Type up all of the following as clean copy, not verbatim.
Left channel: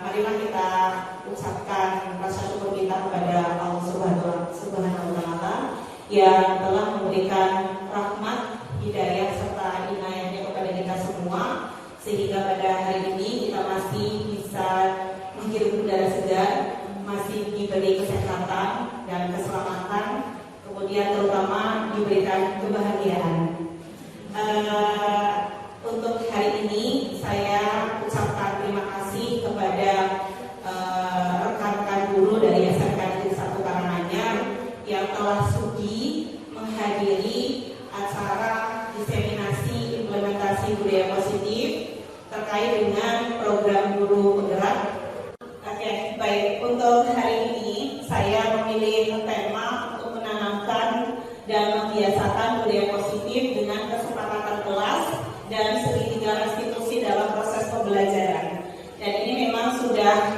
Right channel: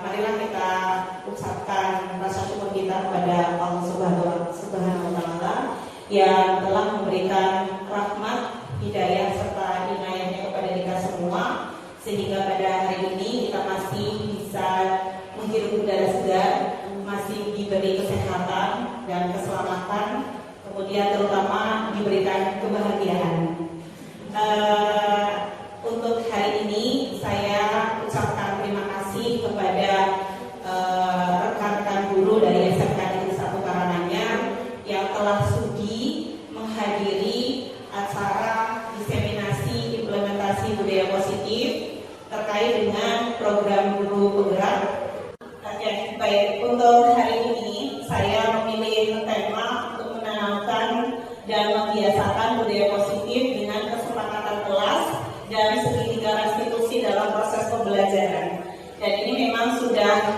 Marilah kita ucapkan rasa syukur kita kepada Allah Subhanahu wa Ta'ala yang telah memberikan rahmat, hidayah serta inayahnya kepada kita semua, sehingga pada hari ini kita masih bisa menghirup udara segar, masih diberi kesehatan dan keselamatan, kemudian terutama diberikan kebahagiaan. Untuk hari ini saya ucapkan terima kasih kepada rekan-rekan guru dari SMK Negeri 1 Karanganyar yang telah sudi menghadiri acara diseminasi implementasi budaya positif terkait dengan program guru penggerak. Oke, baik, untuk hari ini saya memilih tema untuk menanamkan dan membiasakan budaya positif dengan kesepakatan kelas dan segitiga restitusi dalam proses pembelajaran. Dan ini memang sudah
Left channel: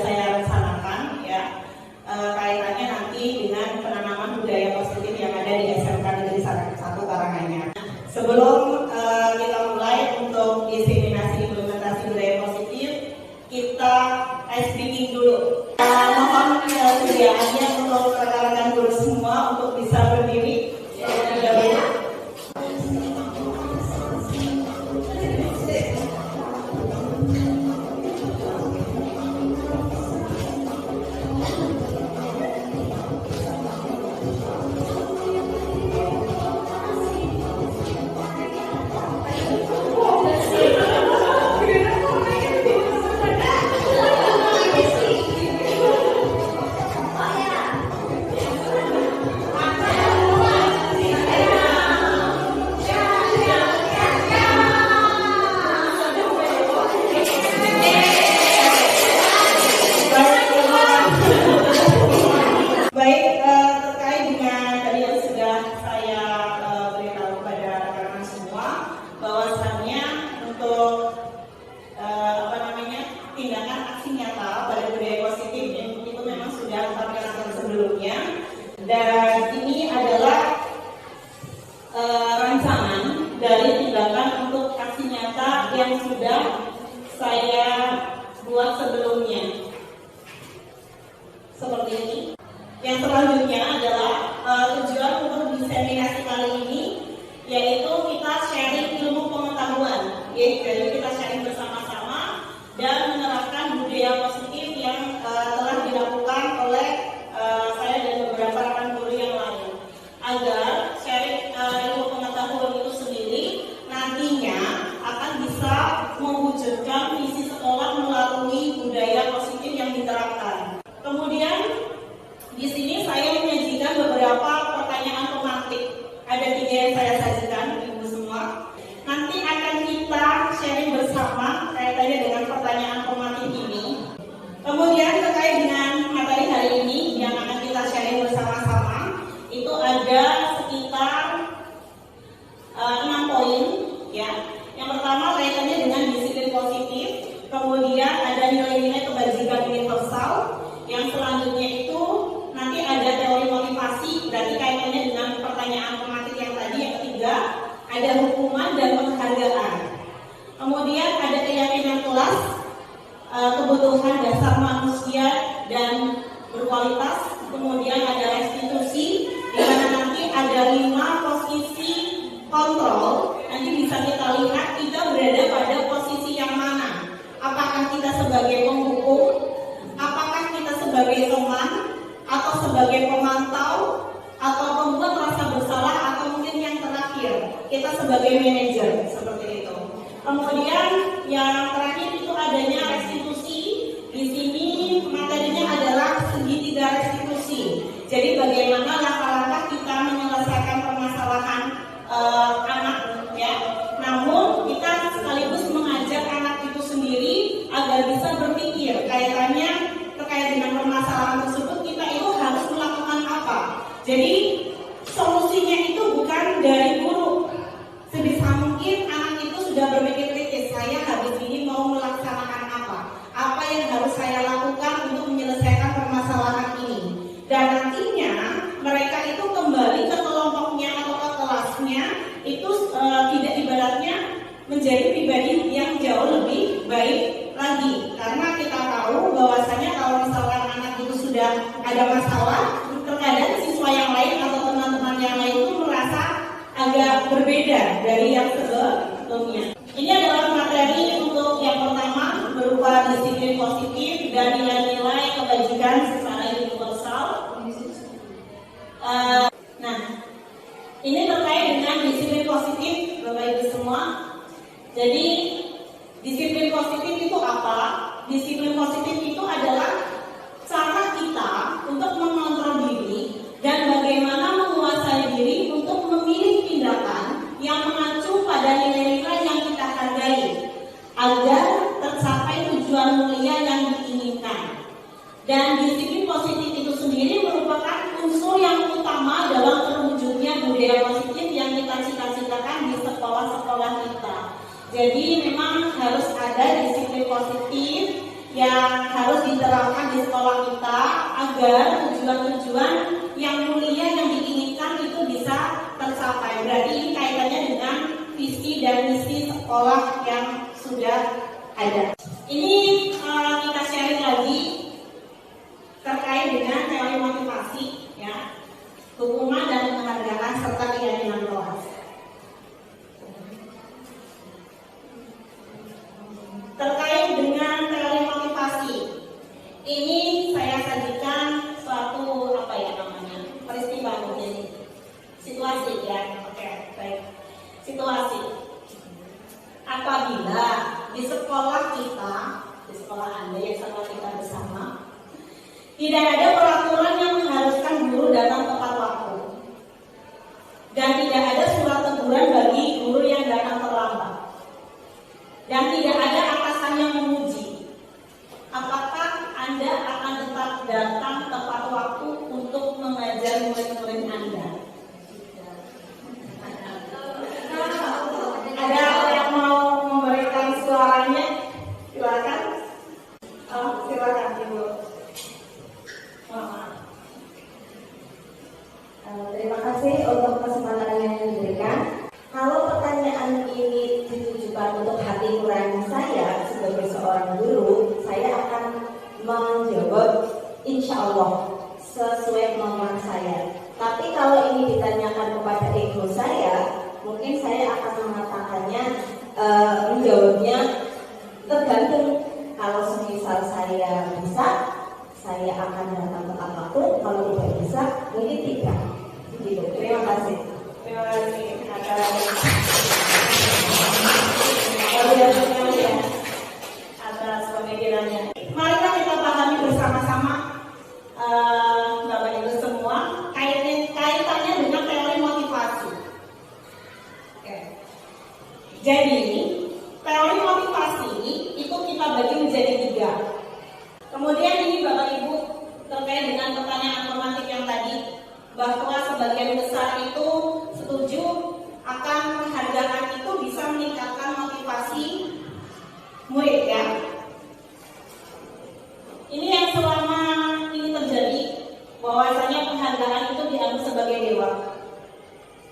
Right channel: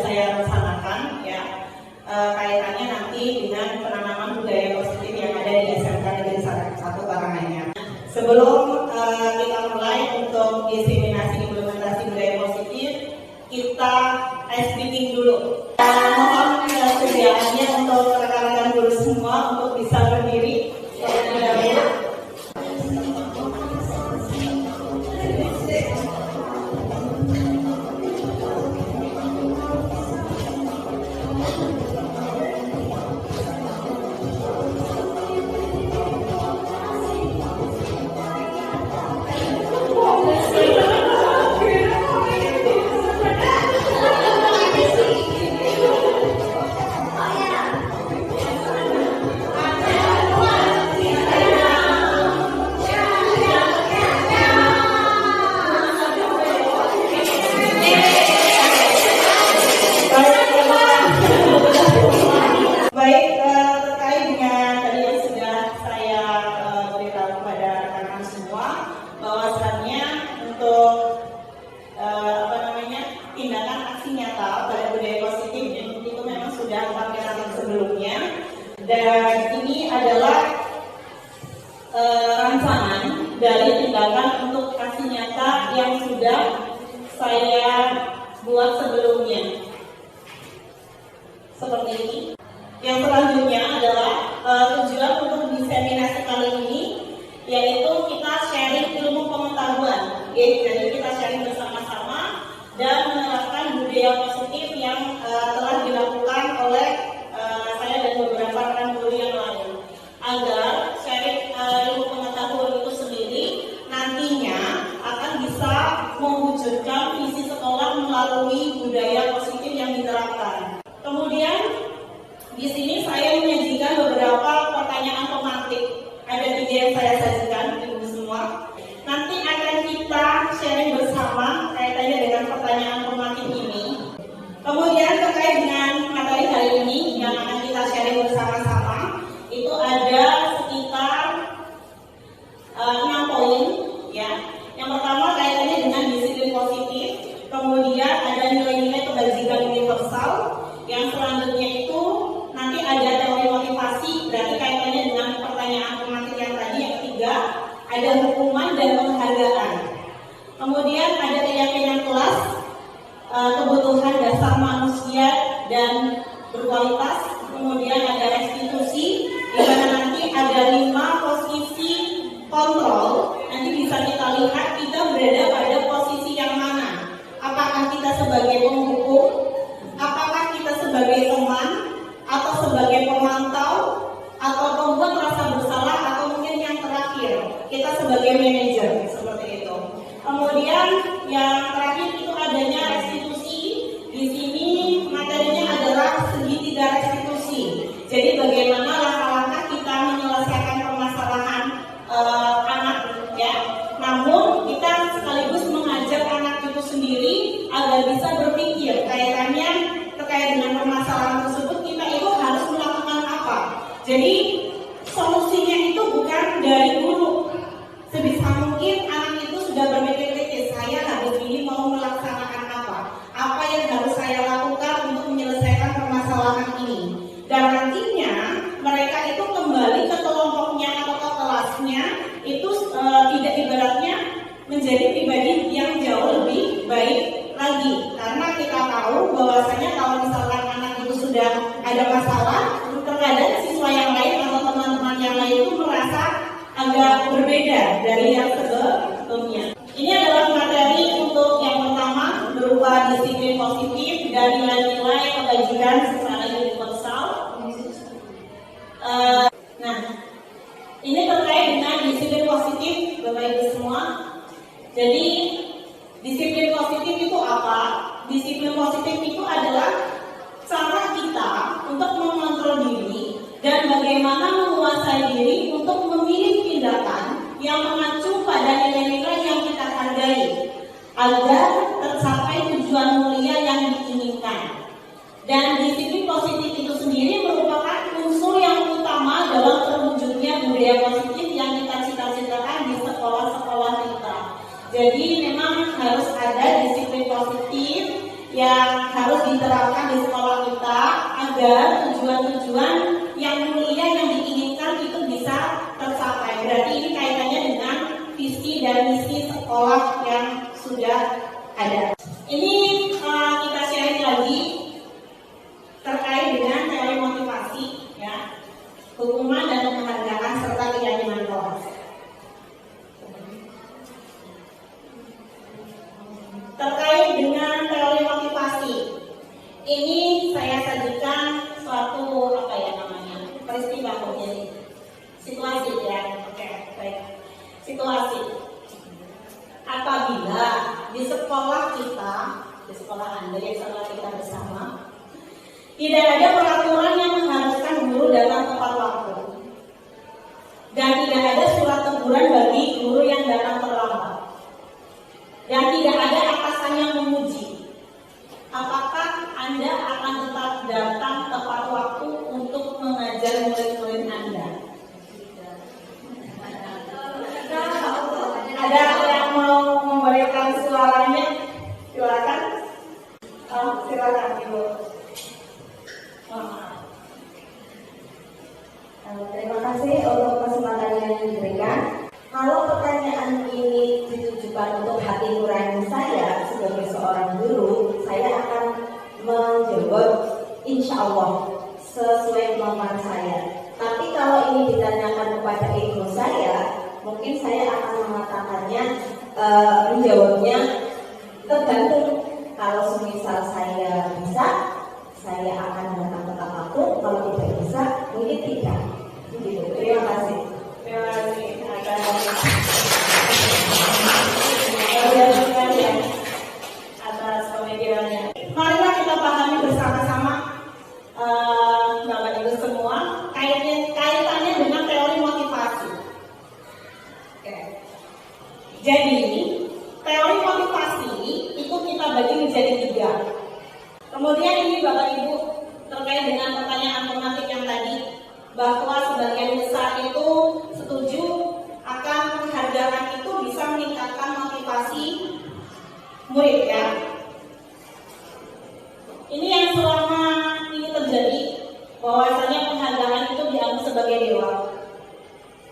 saya rencanakan ya, kaitannya nanti dengan penanaman budaya positif yang ada di SMK Negeri 1 Karanganyar. Sebelum kita mulai untuk diseminasi implementasi budaya positif, kita ice breaking dulu. Mohon kesediaannya untuk rekan-rekan guru semua untuk bisa berdiri terlebih dahulu. agar sharing ilmu pengetahuan itu sendiri nantinya akan bisa mewujudkan visi sekolah melalui budaya positif yang diterapkan. Kemudian di sini saya menyajikan beberapa pertanyaan pemantik. Ada 3 yang saya sajikan, ibu semua. Nanti akan kita sharing bersama kaitannya dengan pertanyaan pemantik ini. Kemudian terkait dengan materi hari ini yang akan kita sharing bersama-sama, itu ada sekitar 6 poin, ya. Yang pertama kaitannya dengan disiplin positif, kemudian ada nilai-nilai kebajikan universal, yang selanjutnya itu nanti ada teori motivasi, berarti kaitannya dengan pertanyaan pemantik yang tadi. Yang ketiga ada hukuman dan penghargaan. Kemudian ada keyakinan kelas, kebutuhan dasar manusia dan berkualitas. Kemudian ada restitusi, di mana nanti ada 5 posisi kontrol. Nanti bisa kita lihat kita berada pada posisi yang mana. Apakah kita sebagai penghukum, apakah kita sebagai teman, atau sebagai pemantau, atau pembuat rasa bersalah, atau mungkin yang terakhir kita sebagai manajer, seperti itu. Kemudian yang terakhir itu adanya restitusi. Di sini materinya adalah segitiga restitusi. Jadi bagaimana langkah-langkah kita menyelesaikan permasalahan anak, ya. Namun kita sekaligus mengajak anak itu sendiri agar bisa berpikir kaitannya terkait dengan permasalahan tersebut, kita itu harus melakukan apa. Jadi solusinya itu bukan dari guru. Sebisa mungkin anak itu sudah berpikir kritis, saya habis ini mau melaksanakan apa yang harus saya lakukan untuk menyelesaikan permasalahan ini. Dan nantinya mereka itu kembali ke kelompoknya atau ke kelasnya itu tidak ibaratnya menjadi pribadi yang jauh lebih baik lagi. Karena kita tahu bahwasanya kalau misalkan anak itu sudah ada masalah, terkadang siswa yang lain atau teman-teman yang lain itu merasa agak berbeda dari yang sebelumnya. Ini adalah materi untuk yang pertama berupa disiplin positif dan nilai-nilai kebajikan secara universal. Nah, ini terkait dengan disiplin positif, Bapak Ibu semua. Jadi disiplin positif itu apa? Disiplin positif itu adalah cara kita untuk mengontrol diri dan bagaimana menguasai diri untuk memilih tindakan yang mengacu pada nilai-nilai yang kita hargai agar tercapai tujuan mulia yang diinginkan. Dan disiplin positif itu sendiri merupakan unsur yang utama dalam terwujudnya budaya positif yang kita cita-citakan di sekolah-sekolah kita. Jadi memang harus ada disiplin positif yang harus diterapkan di sekolah kita agar tujuan-tujuan yang mulia yang diinginkan itu bisa tercapai. Berarti ini kaitannya dengan visi dan misi sekolah yang sudah ada. Ini kita sharing lagi terkait dengan teori motivasi, ya, hukuman dan penghargaan serta keyakinan kelas. Terkait dengan teori motivasi, ini saya sajikan suatu peristiwa, jadi situasi, ya. Oke, baik. Situasi. Apabila di sekolah kita, di sekolah Anda yang sekolah kita bersama, tidak ada peraturan yang mengharuskan guru datang tepat waktu, dan tidak ada surat teguran bagi guru yang datang terlambat, dan tidak ada atasan yang memuji, apakah Anda akan tetap datang tepat waktu untuk mengajar murid-murid Anda? Ada yang mau memberikan suaranya? Silakan. Silakan Ibu. Terima kasih untuk kesempatan yang diberikan. Kalau pertanyaan ini ditujukan untuk hati nurani saya sebagai seorang guru, saya akan menjawab insya Allah sesuai kemampuan saya. Tapi kalau ini ditanyakan kepada ego saya, mungkin saya akan mengatakannya, menjawabnya tergantung. Kalau semisal saya bisa, saya akan datang tepat waktu. Kalau tidak bisa, mungkin tidak. Gitu. Terima kasih. Jadi, teori motivasi itu kita bagi menjadi 3. Kemudian ini Bapak Ibu terkait dengan pertanyaan romantik yang tadi, bahwa sebagian besar itu setuju akan penghargaan itu bisa meningkatkan motivasi murid ya. Ini yang selama ini terjadi, bahwasanya penghargaan itu dianggap sebagai dewa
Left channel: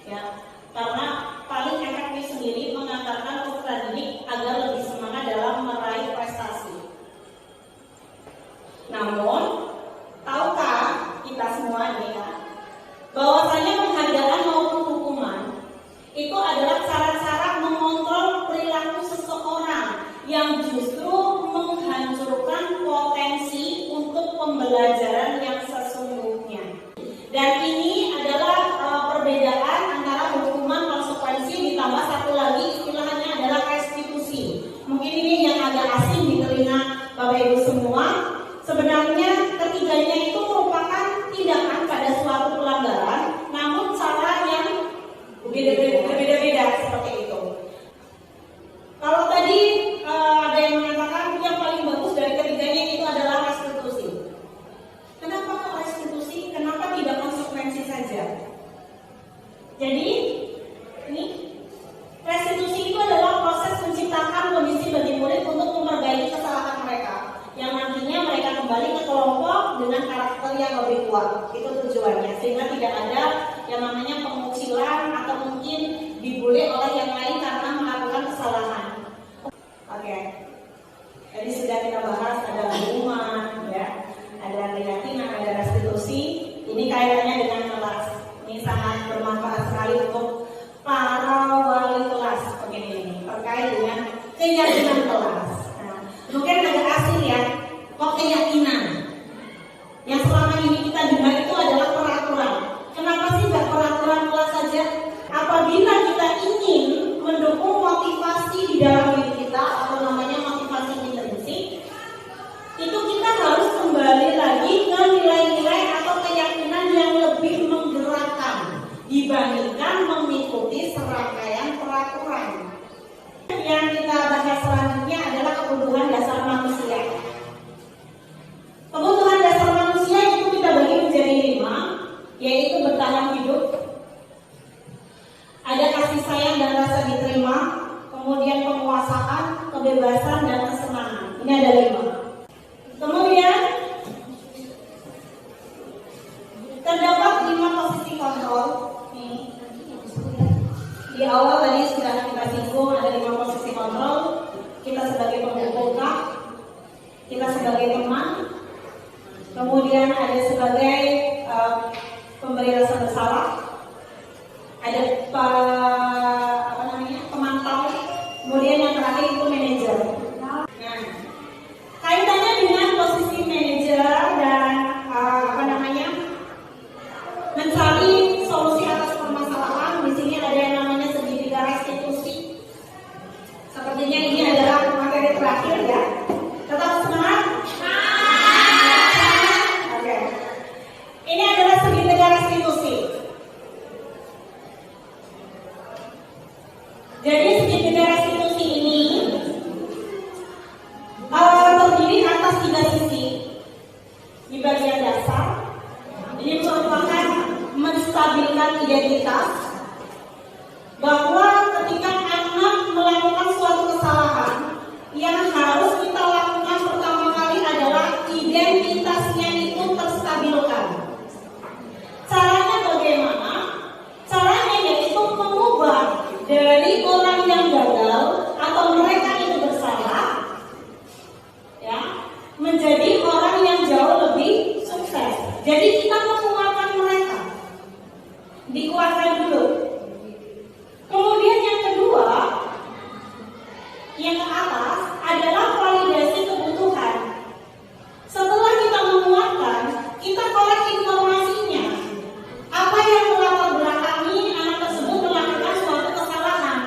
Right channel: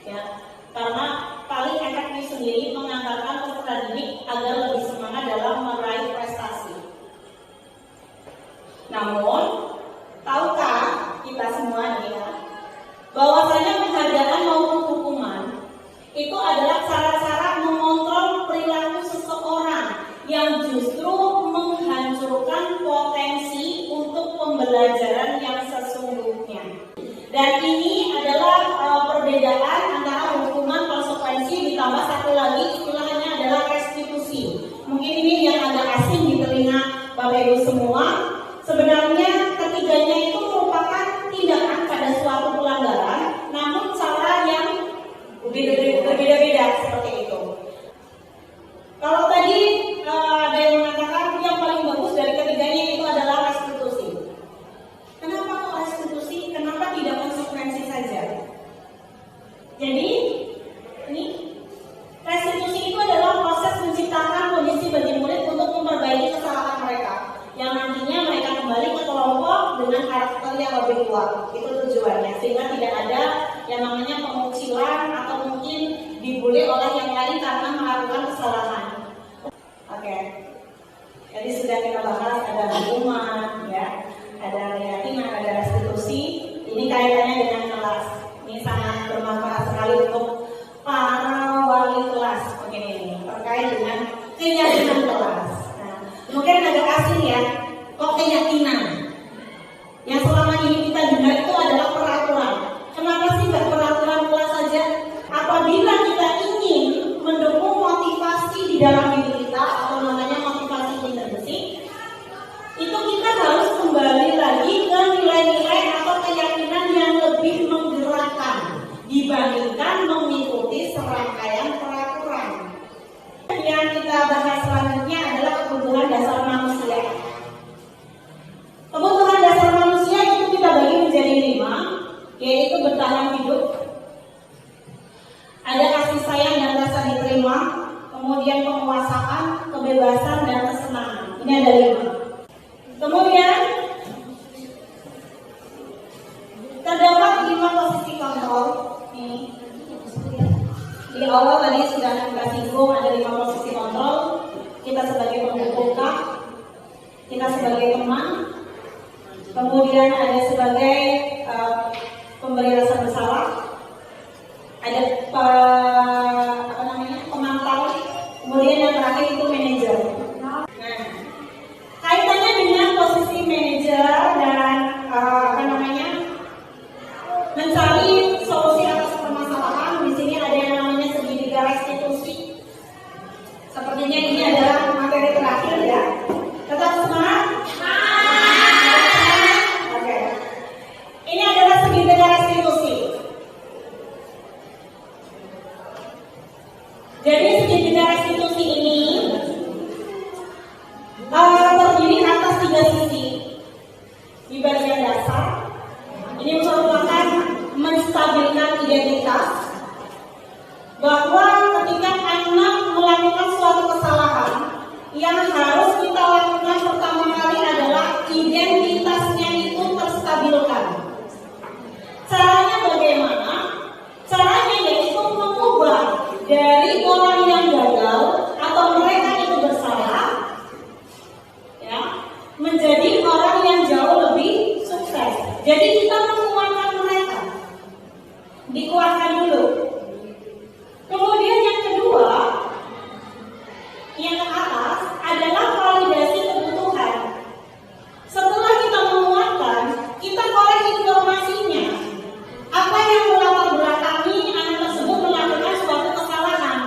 ya, karena paling efektif sendiri mengantarkan peserta didik agar lebih semangat dalam meraih prestasi. Namun, tahukah kita semua nih ya, bahwasanya penghargaan maupun hukuman itu adalah cara-cara mengontrol perilaku seseorang yang justru menghancurkan potensi untuk pembelajaran yang sesungguhnya. Dan ini adalah perbedaan antara hukuman, konsekuensi, ditambah satu lagi istilahnya adalah restitusi. Mungkin ini yang agak asing di telinga Bapak Ibu semua. Sebenarnya ketiganya itu merupakan tindakan pada suatu pelanggaran, namun cara yang berbeda-beda seperti itu. Kalau tadi ada yang mengatakan yang paling bagus dari ketiganya itu adalah restitusi. Kenapa kok restitusi? Kenapa tidak konsekuensi saja? Jadi ini restitusi itu adalah proses menciptakan kondisi bagi murid untuk memperbaiki kesalahan mereka, yang nantinya mereka kembali ke kelompok dengan karakter yang lebih kuat. Itu tujuannya, sehingga tidak ada yang namanya pengucilan atau mungkin dibully oleh yang lain karena melakukan kesalahan. Oke. Jadi sudah kita bahas ada hukuman, ya, ada keyakinan, ada restitusi. Ini kaitannya dengan kelas. Ini sangat bermanfaat sekali untuk para wali kelas. Begini ini terkait dengan keyakinan kelas. Nah, mungkin agak asing ya, kok keyakinan? Yang selama ini kita dengar itu adalah peraturan. Kenapa sih nggak peraturan kelas saja? Apabila kita ingin mendukung motivasi di dalam diri kita atau namanya motivasi intrinsik, itu kita harus kembali lagi ke nilai-nilai atau keyakinan yang lebih menggerakkan dibandingkan mengikuti serangkaian peraturan. Yang kita bahas selanjutnya adalah kebutuhan dasar manusia. Kebutuhan dasar manusia itu kita bagi menjadi 5, yaitu bertahan hidup, ada kasih sayang dan rasa diterima, kemudian penguasaan, kebebasan, dan kesenangan. Ini ada 5. Kemudian terdapat 5 posisi kontrol. Ini di awal tadi sudah kita singgung, ada 5 posisi kontrol. Kita sebagai pembuka, kita sebagai teman, kemudian ada sebagai pemberi rasa bersalah, ada pemantau, kemudian yang terakhir itu manajer. Nah, kaitannya dengan posisi manajer dan mencari solusi atas permasalahan. Di sini ada yang namanya segitiga restitusi. Sepertinya ini adalah materi terakhir ya. Tetap semangat. Oke. Ini adalah segitiga restitusi. Jadi segitiga restitusi ini terdiri atas 3 sisi. Di bagian dasar, ini merupakan menstabilkan identitas, bahwa ketika anak melakukan suatu kesalahan, yang harus kita lakukan pertama kali adalah identitasnya itu terstabilkan. Caranya bagaimana? Caranya yaitu mengubah dari orang yang gagal atau mereka itu bersalah, ya, menjadi orang yang jauh lebih sukses. Jadi kita menguatkan mereka, dikuatkan dulu. Kemudian yang kedua, yang ke atas adalah validasi kebutuhan. Setelah kita menguatkan, kita korek informasinya. Apa yang melatar belakangi anak tersebut melakukan suatu kesalahan.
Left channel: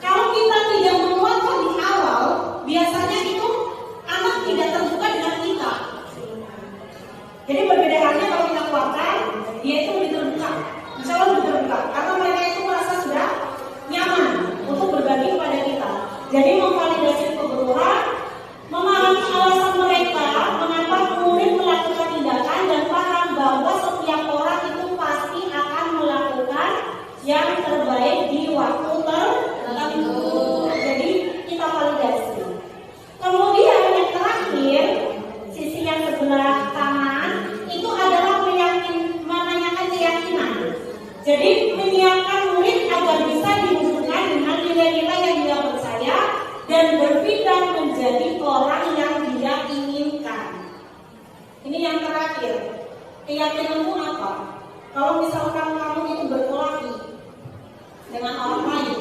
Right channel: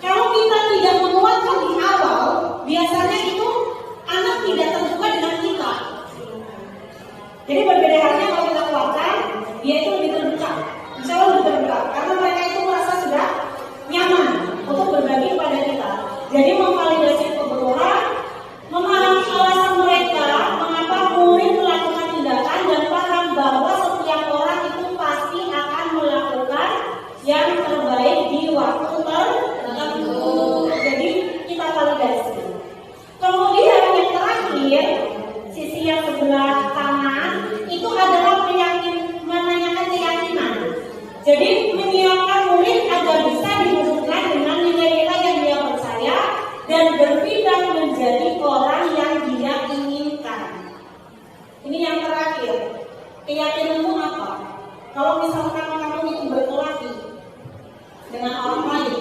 Kalau kita tidak menguatkan di awal, biasanya itu anak tidak terbuka dengan kita. Jadi berbeda halnya kalau kita kuatkan, dia itu lebih terbuka, insya Allah lebih terbuka. Karena waktu tertentu. Jadi kita validasi. Kemudian yang terakhir, sisi yang sebelah kanan itu adalah menanyakan keyakinan. Jadi menyiapkan murid agar bisa dihubungkan dengan nilai-nilai yang dia percaya dan berpindah menjadi orang yang dia inginkan. Ini yang terakhir. Keyakinan itu apa? Kalau misalkan kamu itu berkelahi dengan orang lain,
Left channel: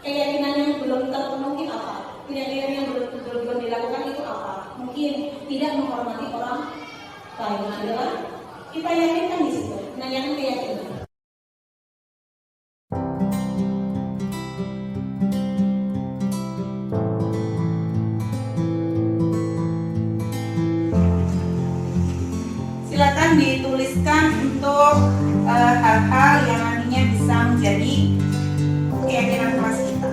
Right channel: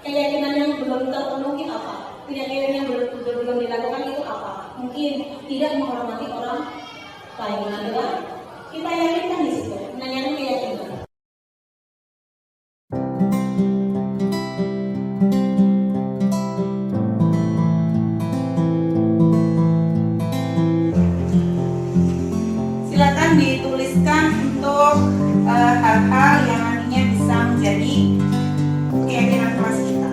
keyakinan yang belum terpenuhi apa? Keyakinan yang belum dilakukan itu apa? Mungkin tidak menghormati orang lain. Adalah kita yakinkan di situ, menanyakan keyakinan. Silakan dituliskan untuk hal-hal yang nantinya bisa menjadi keyakinan kelas kita.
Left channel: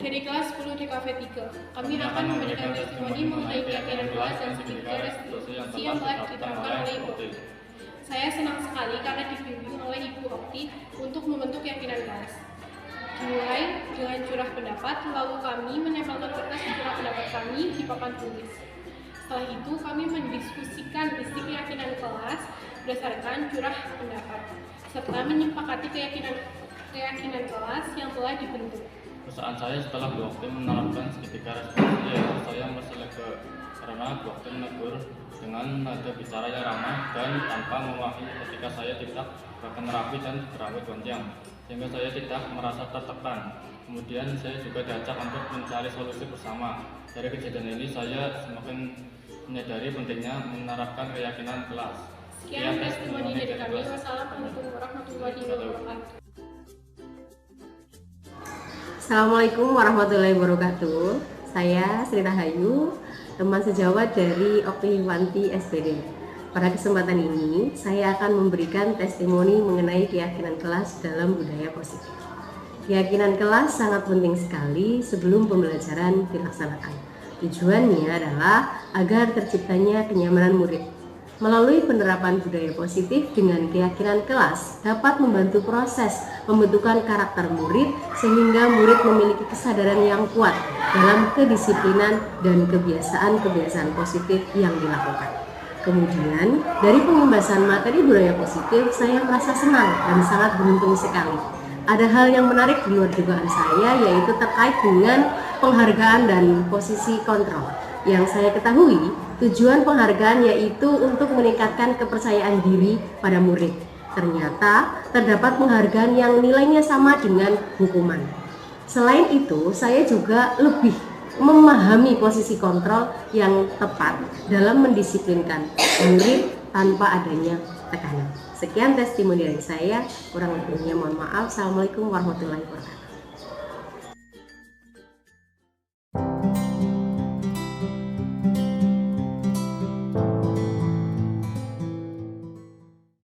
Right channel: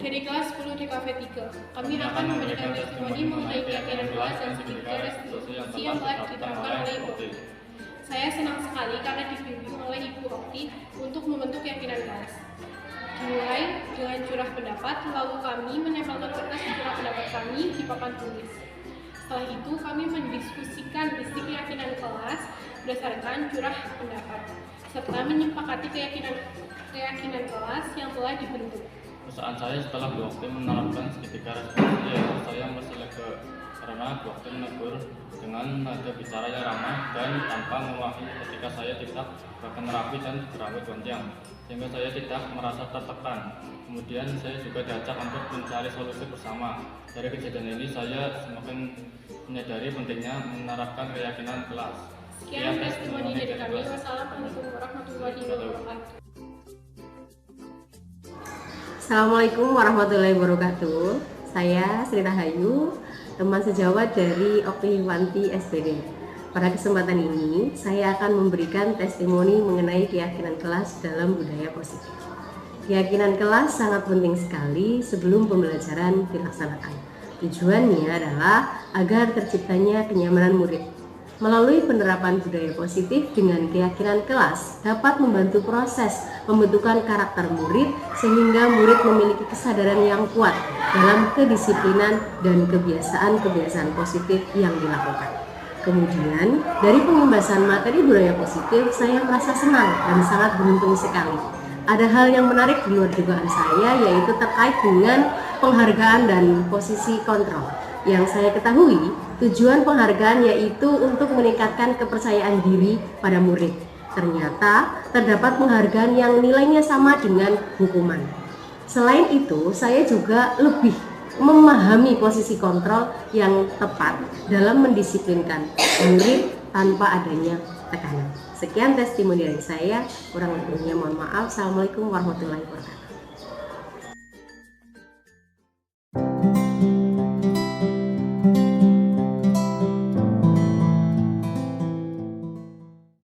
Dari kelas 10 DKV 3, kami akan memberikan testimoni mengenai keyakinan kelas dan sedikit restitusi yang telah diterapkan oleh Ibu Okti. Saya senang sekali karena dibimbing oleh Ibu Okti untuk membentuk keyakinan kelas. Dimulai dengan curah pendapat, lalu kami menempelkan kertas curah pendapat kami di papan tulis. Setelah itu, kami mendiskusikan isi keyakinan kelas berdasarkan curah pendapat, serta menyepakati keyakinan kelas yang telah dibentuk. Perasaan saya setelah Bu Okti menerapkan segitiga restitusi, yaitu saya merasa lega karena Bu Okti menegur dengan nada bicara yang ramah dan tanpa memaki ketika saya tidak bahkan rapi dan berambut gonjang, sehingga saya tidak merasa tertekan. Kemudian saya juga diajak untuk mencari solusi bersama. Dari kejadian ini saya semakin menyadari pentingnya menerapkan keyakinan kelas. Sekian testimoni dari kami. Wassalamualaikum warahmatullahi wabarakatuh. Assalamualaikum warahmatullahi wabarakatuh. Saya Sri Rahayu, teman sejawat dari Oktiwanti SPD. Pada kesempatan ini, saya akan memberikan testimoni mengenai keyakinan kelas dalam budaya positif. Keyakinan kelas sangat penting sekali sebelum pembelajaran dilaksanakan. Tujuannya adalah agar terciptanya kenyamanan murid. Melalui penerapan budaya positif dengan keyakinan kelas dapat membantu proses pembentukan karakter murid sehingga murid memiliki kesadaran yang kuat dalam kedisiplinan dan kebiasaan-kebiasaan positif yang dilakukan. Kemudian, dari pembahasan materi budaya positif, saya merasa senang dan sangat beruntung sekali. Ada hal yang menarik di luar dugaan saya, yaitu terkait dengan penghargaan dan posisi kontrol. Yang saya ketahui, tujuan penghargaan yaitu untuk meningkatkan kepercayaan diri pada murid. Ternyata, terdapat penghargaan yang nilainya sama dengan hukuman. Selain itu, saya juga lebih memahami posisi kontrol yang tepat dalam mendisiplinkan murid tanpa adanya tekanan. Sekian testimoni dari saya, kurang lebihnya mohon maaf. Assalamualaikum warahmatullahi wabarakatuh.